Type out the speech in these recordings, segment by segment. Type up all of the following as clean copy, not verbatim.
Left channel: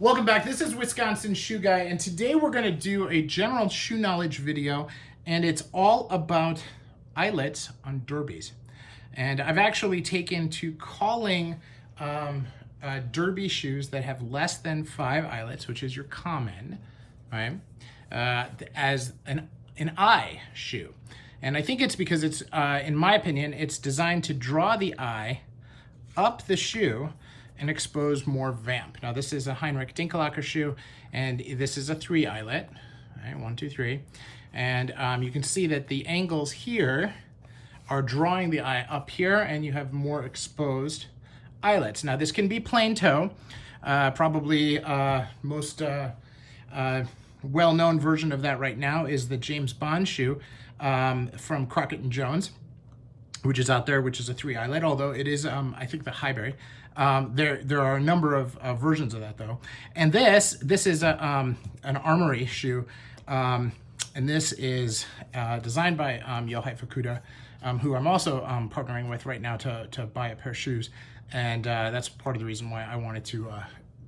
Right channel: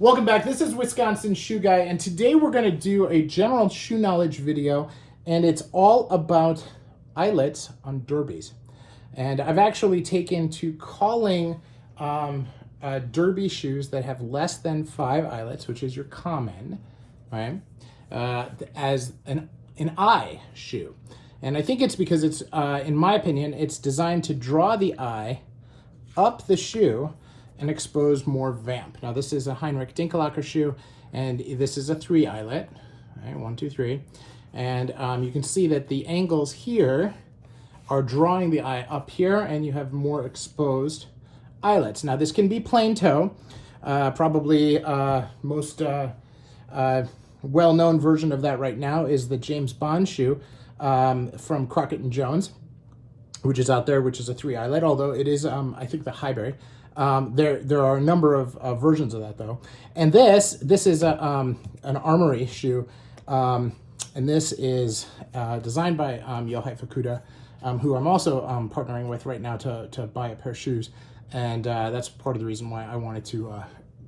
Welcome back. This is Wisconsin Shoe Guy, and today we're going to do a general shoe knowledge video, and it's all about eyelets on derbies. And I've actually taken to calling derby shoes that have less than 5 eyelets, which is your common, right, as an eye shoe. And I think it's because it's, in my opinion, it's designed to draw the eye up the shoe and expose more vamp. Now this is a Heinrich Dinkelacker shoe, and this is a 3 eyelet, right, 1, 2, 3. And you can see that the angles here are drawing the eye up here, and you have more exposed eyelets. Now this can be plain toe. Probably most well-known version of that right now is the James Bond shoe from Crockett and Jones, which is out there, which is a 3 eyelet, although it is, I think, the Highbury. There are a number of versions of that though. And this is an Armoury shoe, and this is designed by Yohei Fukuda, who I'm also partnering with right now to buy a pair of shoes. And that's part of the reason why I wanted to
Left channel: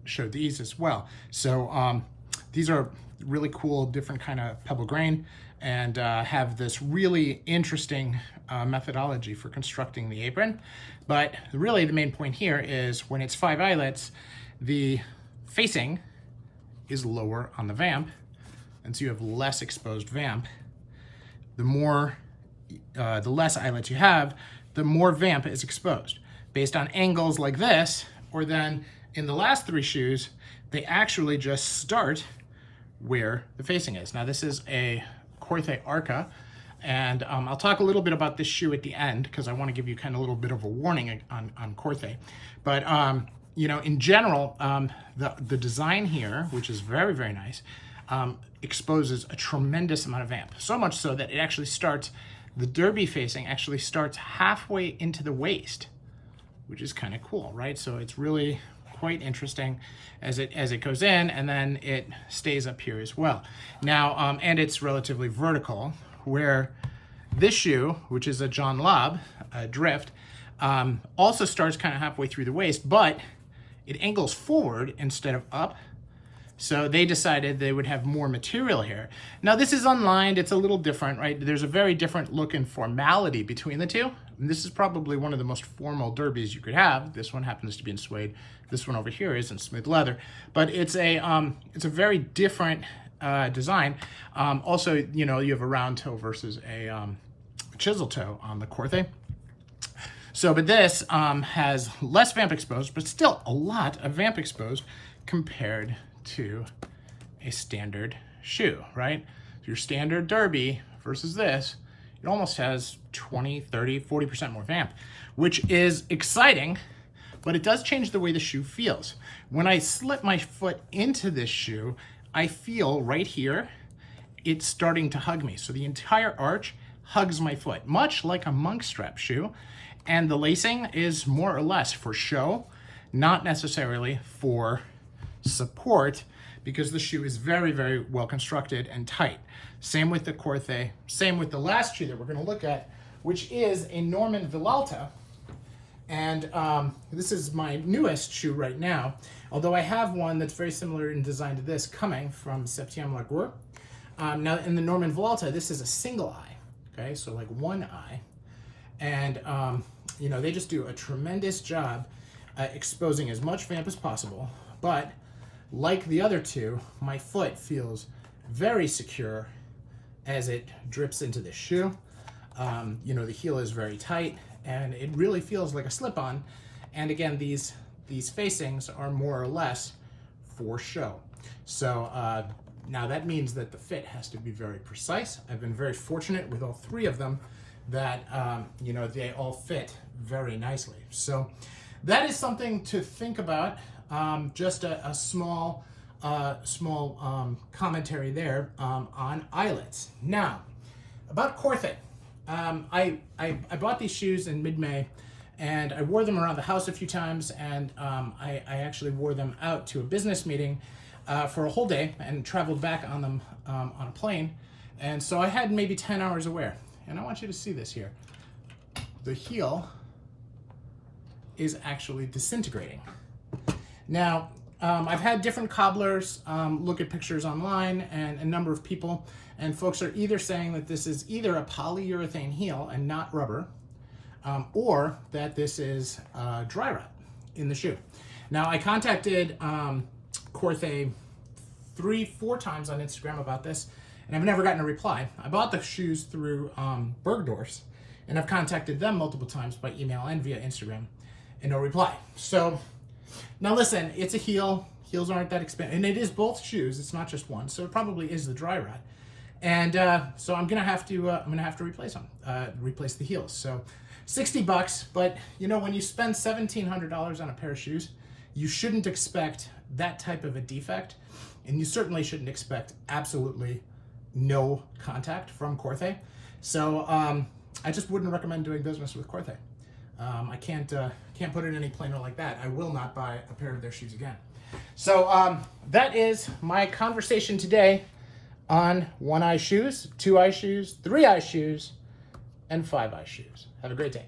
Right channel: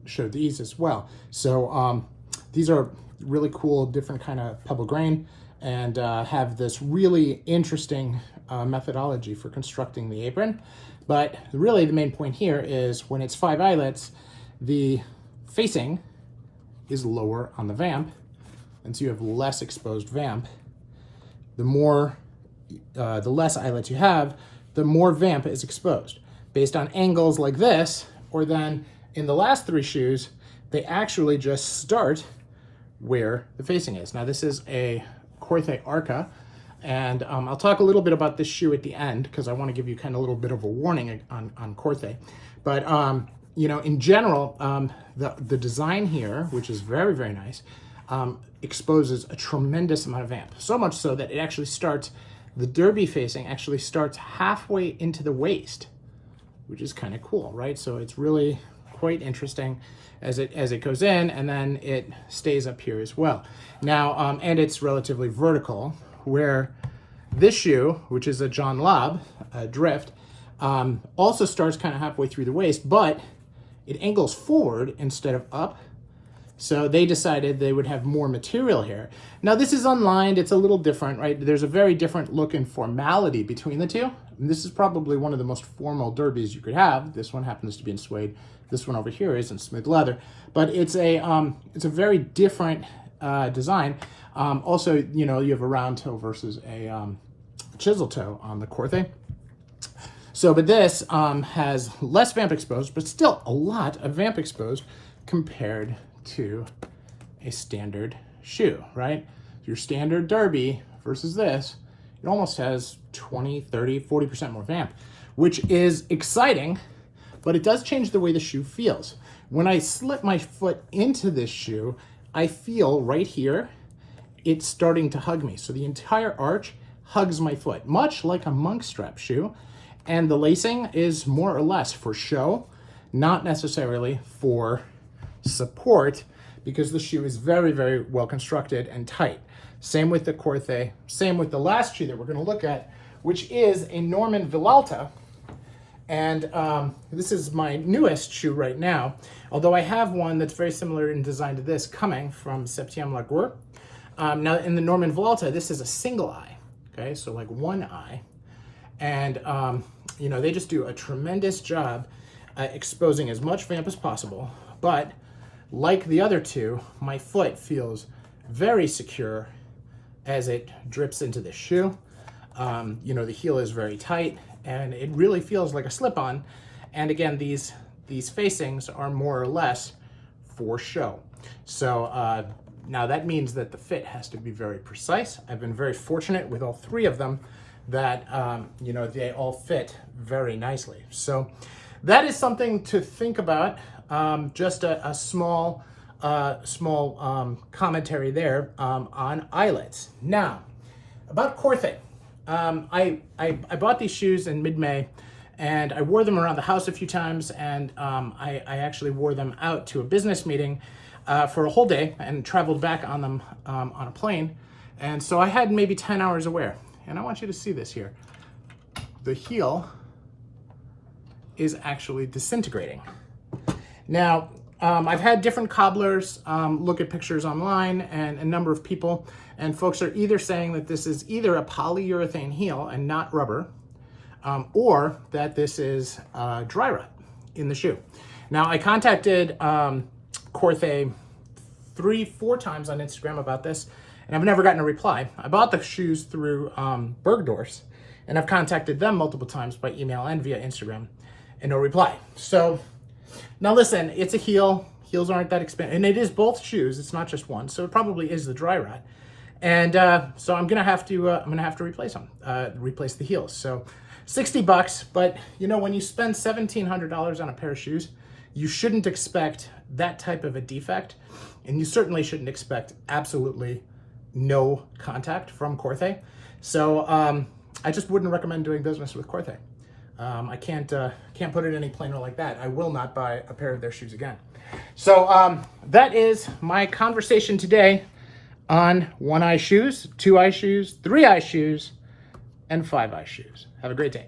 show these as well. So these are really cool, different kind of pebble grain, and have this really interesting methodology for constructing the apron. But really the main point here is when it's 5 eyelets, the facing is lower on the vamp, and so you have less exposed vamp. The less eyelets you have, the more vamp is exposed. Based on angles like this, or then in the last 3 shoes, they actually just start where the facing is. Now this is a Corthay Arca, and I'll talk a little bit about this shoe at the end because I want to give you kind of a little bit of a warning on Korthei. But you know, in general, the design here, which is very, very nice, exposes a tremendous amount of vamp. So much so that it actually starts, the derby facing actually starts halfway into the waist, which is kind of cool, right? So it's really quite interesting as it goes in, and then it stays up here as well. Now, and it's relatively vertical, where this shoe, which is a John Lobb drift, also starts kind of halfway through the waist, but it angles forward instead of up. So they decided they would have more material here. Now this is unlined, it's a little different, right? There's a very different look and formality between the two. And this is probably one of the most formal derbies you could have. This one happens to be in suede. This one over here is in smooth leather, but it's a very different design. Also, you know, you have a round toe versus a chisel toe on the Korthei. So, but this has less vamp exposed, but still a lot of vamp exposed compared to a standard shoe, right? So your standard derby versus this, it almost has 20, 30, 40% more vamp, which is exciting, but it does change the way the shoe feels. When I slip my foot into this shoe, I feel right here, it's starting to hug me. So the entire arch hugs my foot, much like a monk strap shoe. And the lacing is more or less for show, not necessarily for support, because the shoe is very, very well constructed and tight. Same with the Korthei, same with the last shoe that we're going to look at, which is a Norman Vilalta. And this is my newest shoe right now, although I have one that's very similar in design to this coming from Septième-Lagour. Now in the Norman Velta, this is a single eye, okay? So like one eye. And you know, they just do a tremendous job at exposing as much vamp as possible. But like the other two, my foot feels very secure as it drips into the shoe. You know, the heel is very tight, and it really feels like a slip-on. And again, these facings are more or less for show. So now that means that the fit has to be very precise. I've been very fortunate with all 3 of them that, you know, they all fit very nicely. So that is something to think about. Just a small commentary there on eyelets. Now, about Korthei. I bought these shoes in mid-May, and I wore them around the house a few times, and I actually wore them out to a business meeting for a whole day and traveled back on them on a plane. And so I had maybe 10 hours of wear. And I want you to see this here. The heel is actually disintegrating. Now, I've had different cobblers look at pictures online, and a number of people, and folks are either saying that this is either a polyurethane heel and not rubber, or that this is dry rot in the shoe. Now, I contacted Korthei 3-4 times on Instagram about this, and I've never gotten a reply. I bought the shoes through Bergdorfs, and I've contacted them multiple times by email and via Instagram, and no reply. So now listen, it's a heel. Heels aren't that expensive, and it is both shoes. It's not just one, so it probably is the dry rot. And so I'm gonna have to replace them, replace the heels. So $60, but you know, when you spend $1,700 on a pair of shoes, you shouldn't expect that type of a defect, and you certainly shouldn't expect absolutely no contact from Korthei. So I just wouldn't recommend doing business with Korthei. I can't put it any plainer like that. I will not buy a pair of their shoes again. So that is my conversation today on 1-eye shoes, 2-eye shoes, 3-eye shoes, and 5-eye shoes. Have a great day.